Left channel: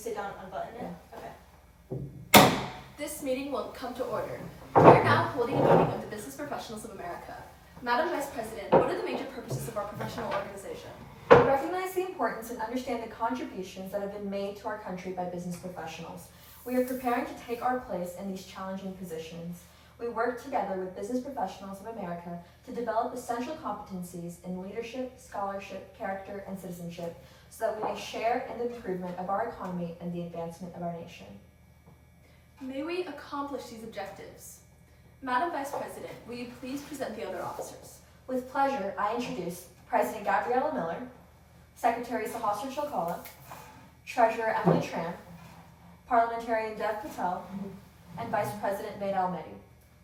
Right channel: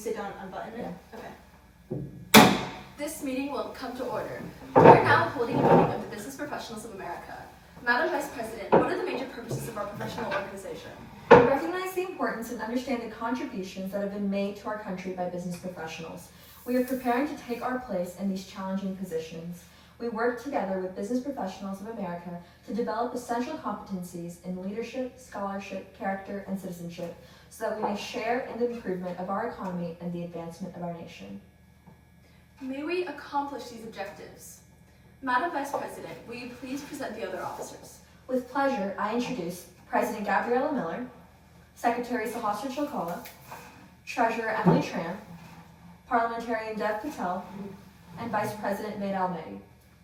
sit down and unbutton it? Okay. This meeting will come to order. We are now holding a meeting of the Business Professionals of America. Madam Vice President, what are the major purposes of our professional organization? We recognize the importance and understand the contributions that have been made to our country by business professionals. We are preparing to take our place in these challenging positions. We work together with Business Professionals of America to develop essential competencies in leadership, scholarship, character, and citizenship so that we may share in the improvement of our economy and the advancement of our nation. May we accomplish these objectives? Madam Vice President, will you please present the other officers? With pleasure, I introduce President Gabriella Miller, Secretary Sahasra Chalkala, Treasurer Emily Tran, Parliamentarian Dev Patel, and Vice President Veda Almedi.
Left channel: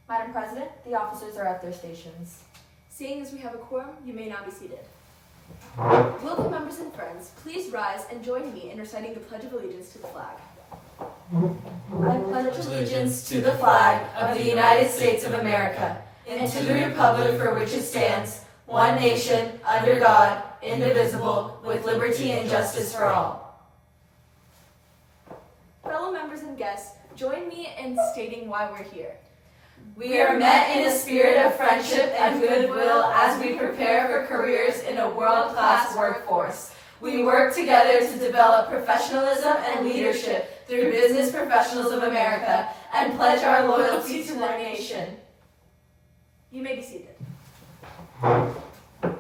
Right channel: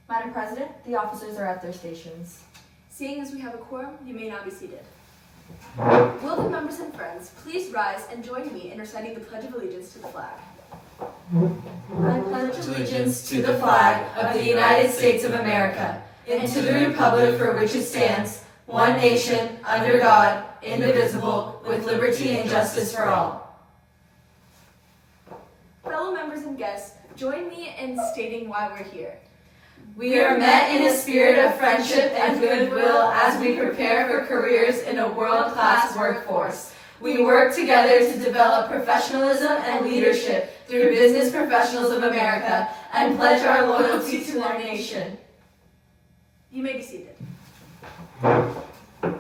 Madam President, the officers are at their stations. Seeing as we have a quorum, you may now be seated. Will the members and friends please rise and join me in reciting the Pledge of Allegiance to the flag? I pledge allegiance to the flag of the United States of America and to the republic for which it stands, one nation, under God, indivisible, with liberty and justice for all. Fellow members and guests, join me in stating why we're here. We are met in a spirit of friendship and goodwill as we prepare for careers in a world-class workforce. We work together to develop professionalism and leadership through Business Professionals of America and pledge our loyalty to our nation. You may be seated.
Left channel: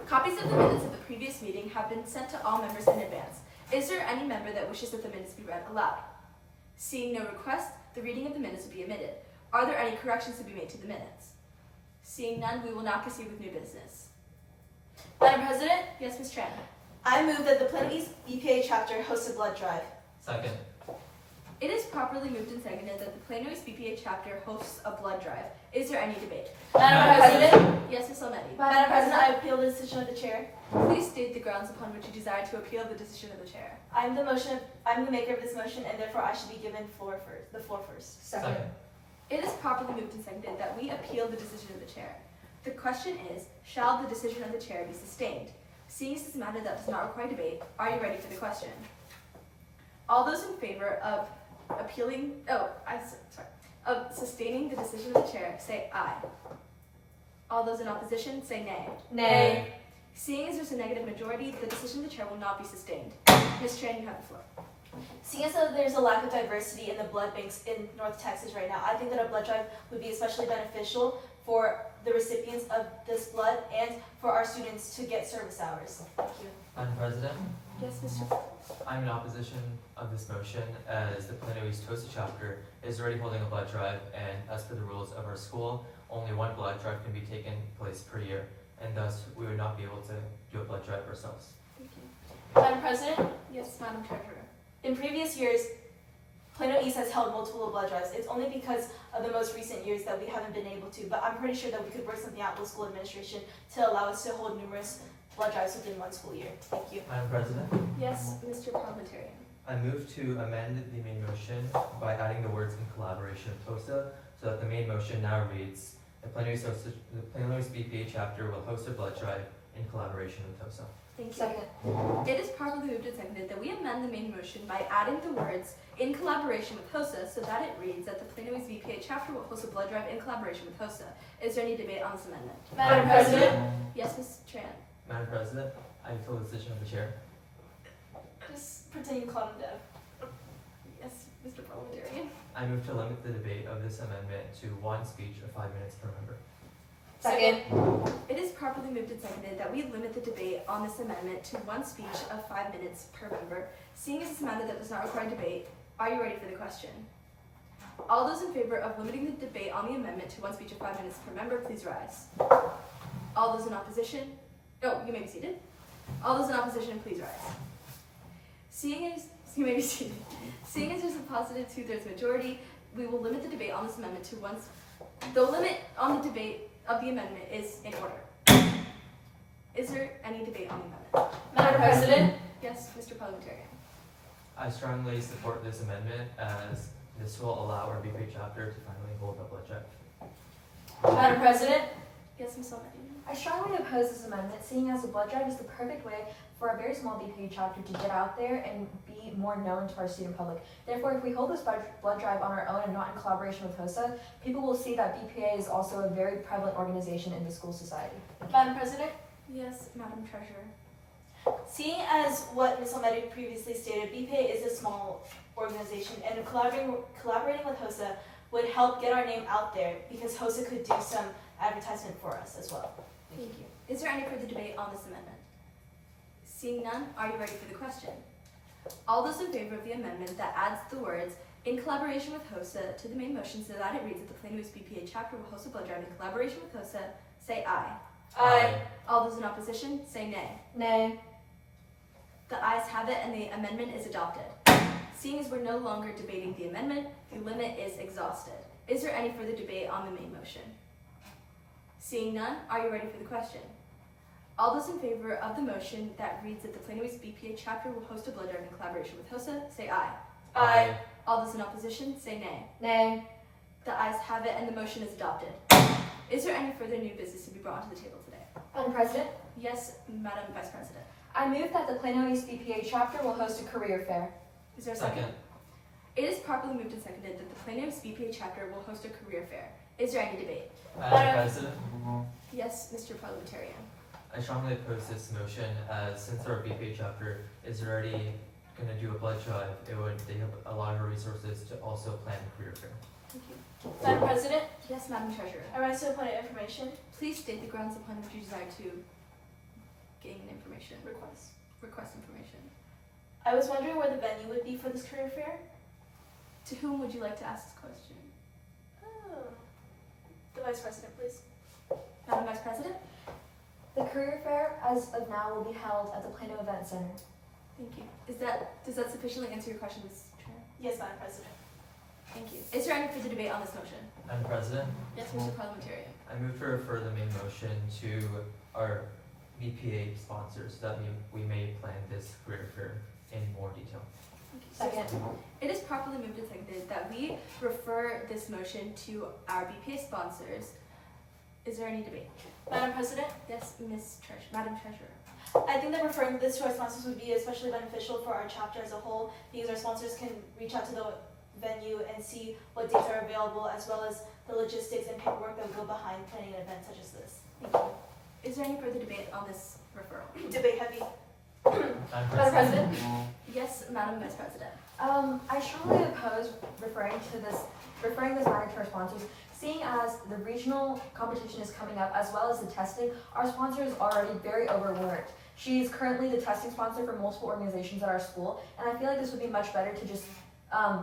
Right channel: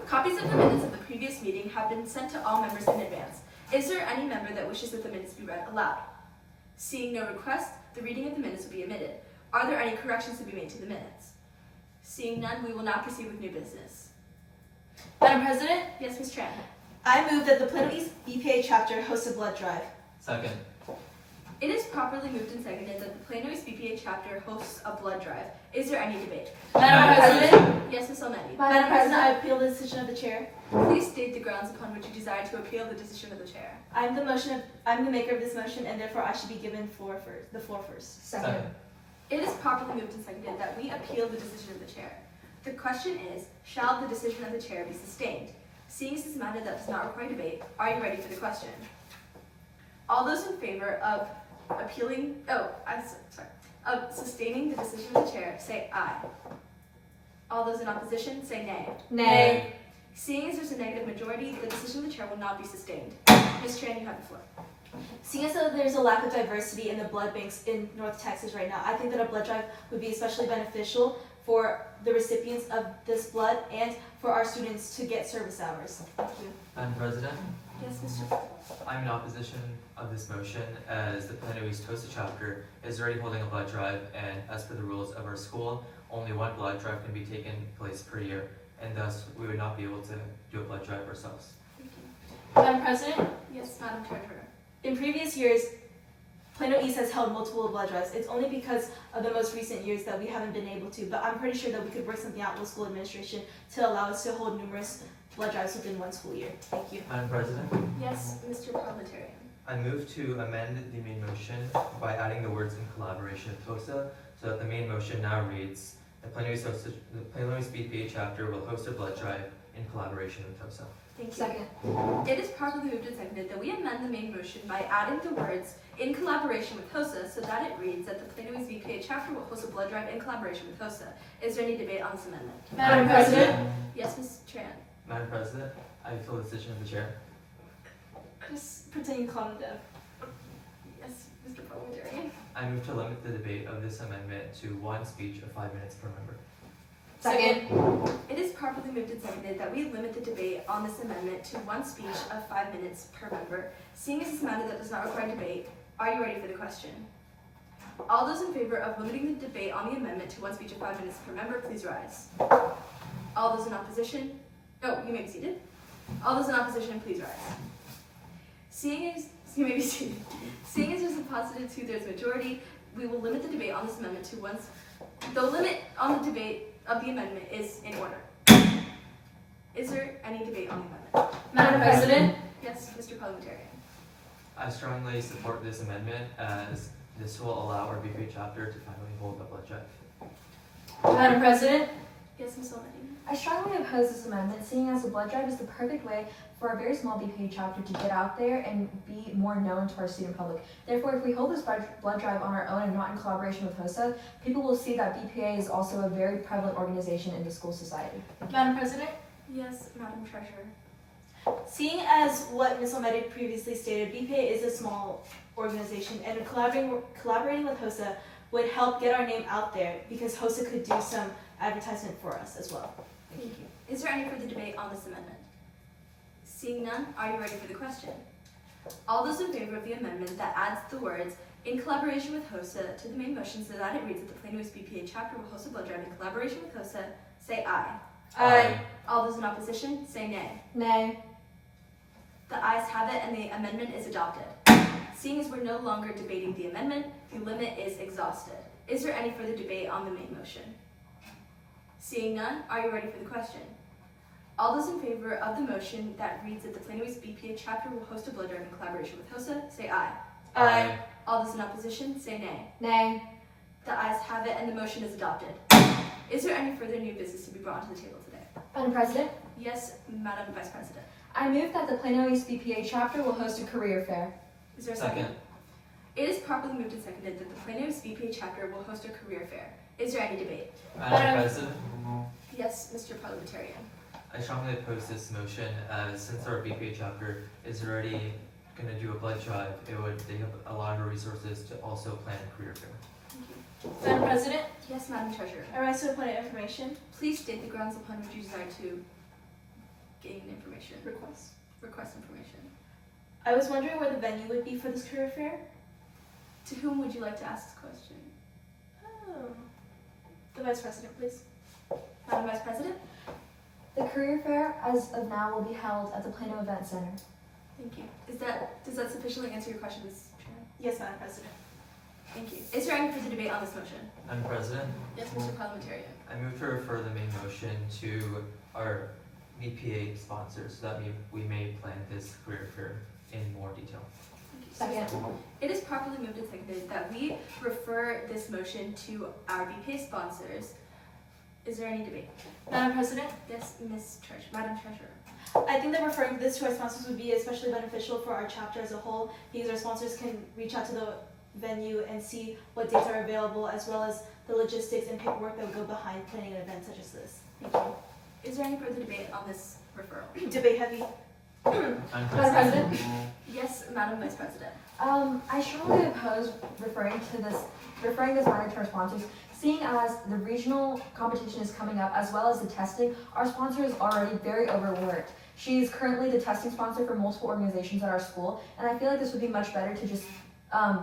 Copies of the minutes of the previous meeting have been sent to all members in advance. Is there any member that wishes that the minutes be read aloud? Seeing no request, the reading of the minutes will be omitted. Are there any corrections to be made to the minutes? Seeing none, we will now proceed with new business. Madam President, Yes, Ms. Tran. I move that the Plano East BPA chapter host a blood drive. Second. It is properly moved and seconded that the Plano East BPA chapter hosts a blood drive. Is there any debate? Madam President, Yes, Ms. Almedi. Madam President, I appeal the decision of the chair. Please state the grounds upon which you desire to appeal the decision of the chair. I'm the maker of this motion, and therefore I should be given the floor first. Second. It is properly moved and seconded that we appeal the decision of the chair. The question is, shall the decision of the chair be sustained? Seeing as this is a matter that does not require debate, are you ready for the question? All those in favor of of sustaining the decision of the chair, say aye. All those in opposition, say nay. nay. Seeing as there's a negative majority, the decision of the chair will not be sustained. Ms. Tran, you have the floor. Seeing as though there's a lack of diversity in the blood banks in North Texas right now, I think that a blood drive would be especially beneficial for the recipients of this blood and for our students to get service hours. Thank you. Madam President, Yes, Mr. I'm in opposition of this motion as the Plano East Tosa chapter is already holding a blood drive, and as per the rules of our school, only one blood drive can be taken place per year, and thus we would not be able to do a blood drive ourselves. Thank you. Madam President, Yes, Madam Treasurer. In previous years, Plano East has held multiple blood drives. It's only because of the most recent years that we haven't been able to, but I'm pretty sure that we could work something out with school administration to allow us to hold numerous blood drives within one school year. Thank you. Madam President, Yes, Mr. Parliamentarian. I move to amend the main motion by adding the words in collaboration with TOSA, so that the main motion now reads, the Plano East BPA chapter will host a blood drive in collaboration with TOSA. Thank you. second. It is properly moved and seconded that we amend the main motion by adding the words in collaboration with HOSA so that it reads that the Plano East VPA chapter will host a blood drive in collaboration with HOSA. Is there any debate on this amendment? Madam President, Yes, Ms. Tran. Madam President, I appeal the decision of the chair. Just pretend calm down. Yes, Mr. Parliamentarian. I move to limit the debate of this amendment to one speech of 5 minutes per member. second. It is properly moved and seconded that we limit the debate on this amendment to one speech of 5 minutes per member. Seeing as this matter that does not require debate, are you ready for the question? All those in favor of limiting the debate on the amendment to one speech of 5 minutes per member, please rise. All those in opposition, you may be seated. All those in opposition, please rise. You may be seated. Seeing as there's a positive 2/3 majority, we will limit the debate on this amendment to one. The limit on the debate of the amendment is in order. Is there any debate on the amendment? Madam President, Yes, Mr. Parliamentarian. I strongly support this amendment as this will allow our BPA chapter to finally hold a blood drive. Madam President, Yes, Ms. Already. I strongly oppose this amendment, seeing as the blood drive is the perfect way for our very small BPA chapter to get out there and be more known to our student public. Therefore, if we hold this blood drive on our own and not in collaboration with HOSA, people will see that BPA is also a very prevalent organization in the school society. Madam President, Yes, Madam Treasurer. seeing as what Ms. Almeida previously stated, BPA is a small organization, and collaborating with HOSA would help get our name out there because HOSA could do some advertisement for us as well. Thank you. Is there any further debate on this amendment? Seeing none, are you ready for the question? All those in favor of the amendment that adds the words "in collaboration with HOSA" to the main motion so that it reads that the Plano East BPA chapter will host a blood drive in collaboration with HOSA, say aye. Aye. All those in opposition, say nay. Nay. The ayes have it and the amendment is adopted. Seeing as we're no longer debating the amendment, the limit is exhausted. Is there any further debate on the main motion? Seeing none, are you ready for the question? All those in favor of the motion that reads that the Plano East BPA chapter will host a blood drive in collaboration with HOSA, say aye. Aye. All those in opposition, say nay. Nay. The ayes have it and the motion is adopted. Is there any further new business to be brought onto the table today? Madam President, Yes, Madam Vice President. I move that the Plano East BPA chapter will host a career fair. Is there a second? Second. It is properly moved and seconded that the Plano East BPA chapter will host a career fair. Is there any debate? Madam President, Yes, Mr. Parliamentarian. I strongly oppose this motion as since our BPA chapter is already going to do a blood drive, it would take up a lot of our resources to also plan a career fair. Thank you. Madam President, Yes, Madam Treasurer. I rise to the point of information Please state the grounds upon which you desire to gain information, request. request information. I was wondering where the venue would be for this career fair. To whom would you like to ask this question? Oh. The Vice President, please. Madam Vice President? The career fair, as of now, will be held at the Plano Event Center. Thank you. Does that sufficiently answer your question, Ms. Tran? Yes, Madam President. Thank you. Is there any further debate on this motion? Madam President, Yes, Mr. Parliamentarian. I move to refer the main motion to our BPA sponsors so that we may plan this career fair in more detail. Second. It is properly moved and seconded that we refer this motion to our BPA sponsors. Is there any debate? Madam President, Yes, Madam Treasurer. I think that referring this to our sponsors would be especially beneficial for our chapter as a whole because our sponsors can reach out to the venue and see what dates are available as well as the logistics and paperwork that would go behind planning an event such as this. Thank you. Is there any further debate on this referral? Debate heavy. Madam Madam President, President, Yes, Madam Vice President. I strongly oppose referring this matter to our sponsors. Seeing as the regional competition is coming up as well as the testing, our sponsor is already very overworked. She is currently the testing sponsor for multiple organizations at our school, and I feel like this would be much better to just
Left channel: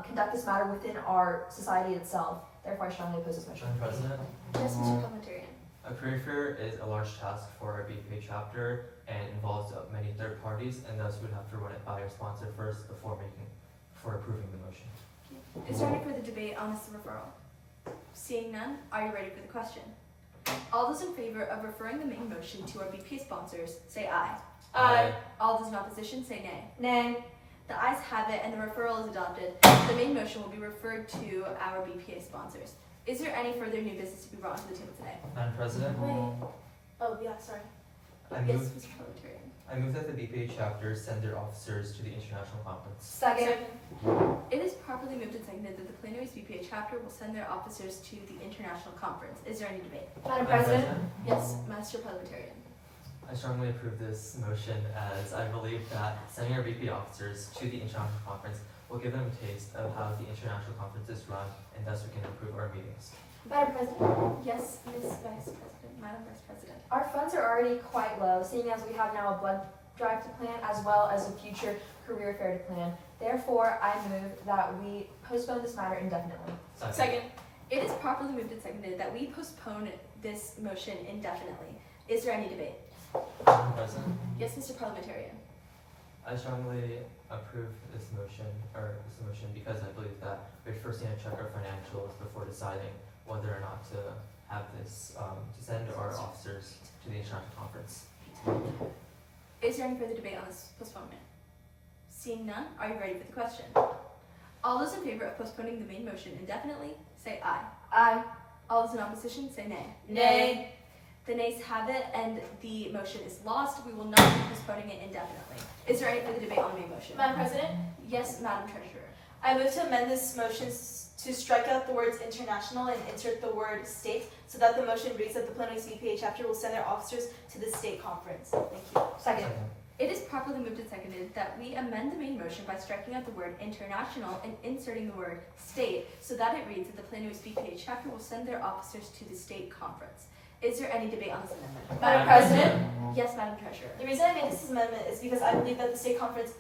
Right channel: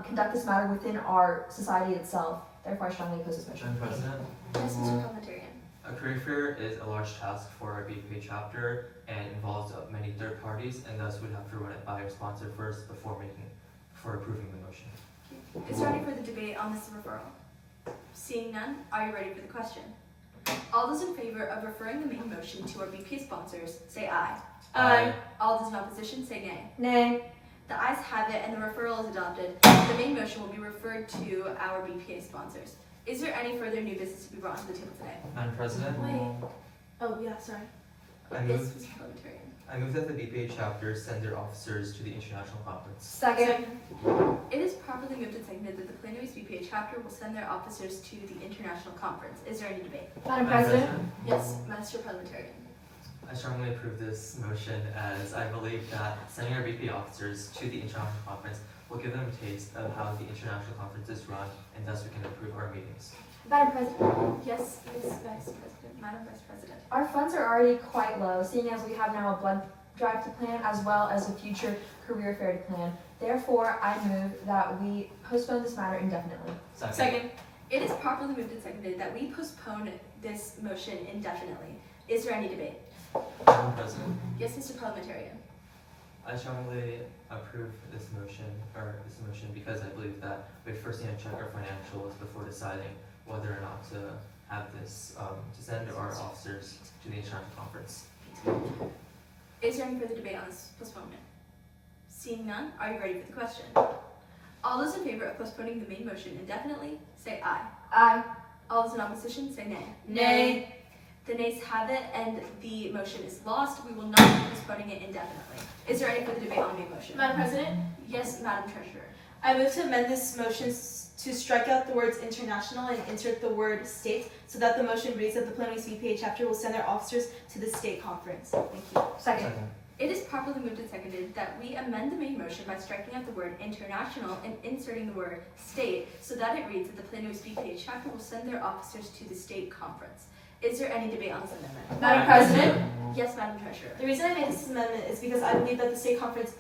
conduct this matter within our society itself. Therefore, I strongly oppose this motion. Madam President, Yes, Mr. Parliamentarian. a career fair is a large task for our BPA chapter and involves many third parties, and thus we'd have to run it by our sponsor first before approving the motion. Is there any further debate on this referral? Seeing none, are you ready for the question? All those in favor of referring the main motion to our BPA sponsors, say aye. Aye. All those in opposition, say nay. Nay. The ayes have it and the referral is adopted. The main motion will be referred to our BPA sponsors. Is there any further new business to be brought to the table today? Madam President, Wait. Oh, yeah, sorry. I Yes, move, Mr. Parliamentarian. I move that the BPA chapter send their officers to the international conference. Second. It is properly moved and seconded that the Plano East BPA chapter will send their officers to the international conference. Is there any debate? Madam President, Yes, Master Parliamentarian. I strongly approve this motion as I believe that sending our BPA officers to the international conference will give them a taste of how the international conference is run, and thus we can improve our meetings. Madam President, Yes, Ms. Vice President, Madam Vice President. our funds are already quite low, seeing as we have now a blood drive to plan as well as a future career fair to plan. Therefore, I move that we postpone this matter indefinitely. Second. It is properly moved and seconded that we postpone this motion indefinitely. Is there any debate? Madam President, Yes, Mr. Parliamentarian. I strongly approve this motion because I believe that we first need to check our financials before deciding whether or not to have this, to send our officers to the international conference. Is there any further debate on this postponement? Seeing none, are you ready for the question? All those in favor of postponing the main motion indefinitely, say aye. Aye. All those in opposition, say nay. Nay. The nays have it, and the motion is lost. We will not be postponing it indefinitely. Is there any further debate on the main motion? Madam President, Yes, Madam Treasurer. I move to amend this motion to strike out the words international and insert the word state, so that the motion reads that the Plano East VPA chapter will send their officers to the state conference. Thank you. Second. It is properly moved and seconded that we amend the main motion by striking out the word international and inserting the word state, so that it reads that the Plano East VPA chapter will send their officers to the state conference. Is there any debate on this amendment? Madam President, Yes, Madam Treasurer. The reason I made this amendment is because I believe that the state conference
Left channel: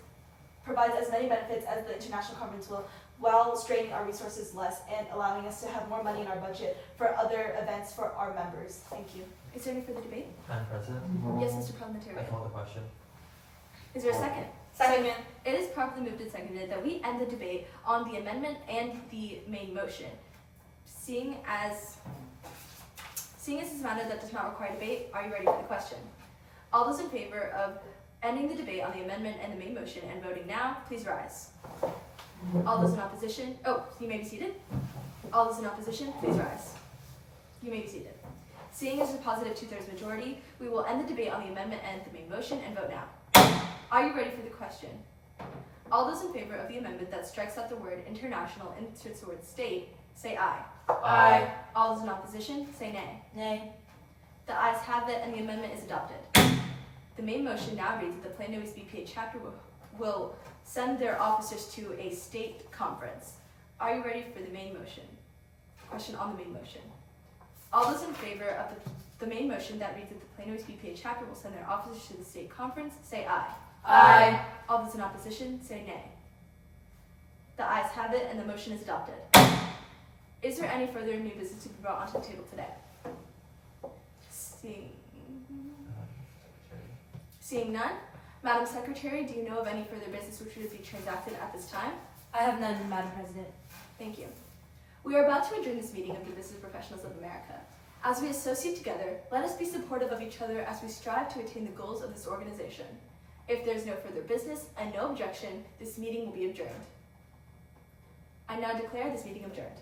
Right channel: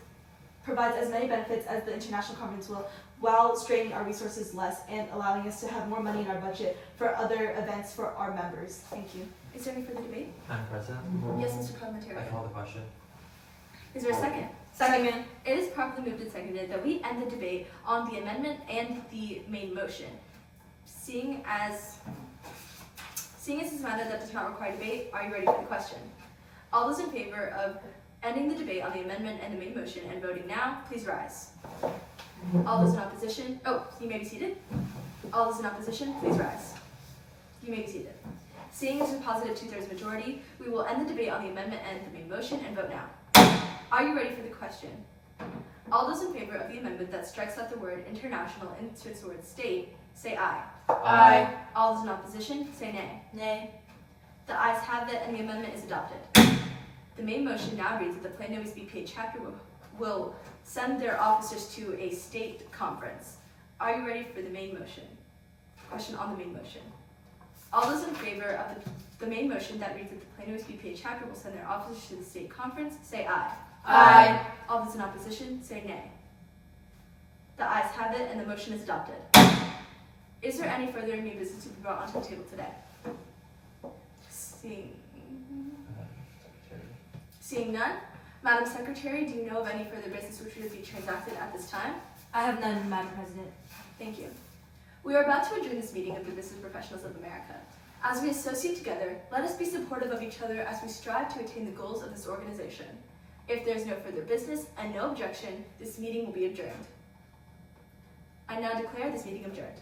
provides as many benefits as the international conference will, while straining our resources less and allowing us to have more money in our budget for other events for our members. Thank you. Is there any further debate? Madam President, Yes, Mr. I Parliamentarian. call the question. Is there a second? Second. It is properly moved and seconded that we end the debate on the amendment and the main motion. Seeing as this is a matter that does not require debate, are you ready for the question? All those in favor of ending the debate on the amendment and the main motion and voting now, please rise. All those in opposition, you may be seated. All those in opposition, please rise. You may be seated. Seeing as a positive 2/3 majority, we will end the debate on the amendment and the main motion and vote now. Are you ready for the question? All those in favor of the amendment that strikes out the word international and inserts the word state, say aye. Aye. All those in opposition, say nay. Nay. The ayes have it and the amendment is adopted. The main motion now reads that the Plano East VPA chapter will send their officers to a state conference. Are you ready for the main motion? Question on the main motion. All those in favor of the main motion that reads that the Plano East VPA chapter will send their officers to the state conference, say aye. Aye. All those in opposition, say nay. The ayes have it and the motion is adopted. Is there any further new business to be brought onto the table today? Seeing none, Madam Secretary, do you know of any further business which should be transacted at this time? I have none, Madam President. Thank you. We are about to adjourn this meeting of the Business Professionals of America. As we associate together, let us be supportive of each other as we strive to attain the goals of this organization. If there is no further business and no objection, this meeting will be adjourned. I now declare this meeting adjourned.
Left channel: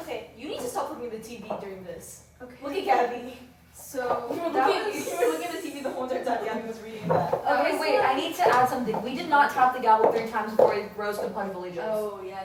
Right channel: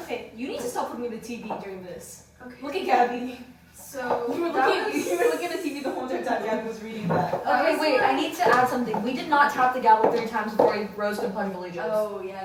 Okay, you need to stop looking at the TV during this. Okay. Look at Gabby. So You were looking at the TV the whole entire time Gabby was reading that. okay, wait, I need to add something. We did not tap the gavel 3 times before we rose to the Pledge of Allegiance. Oh yeah.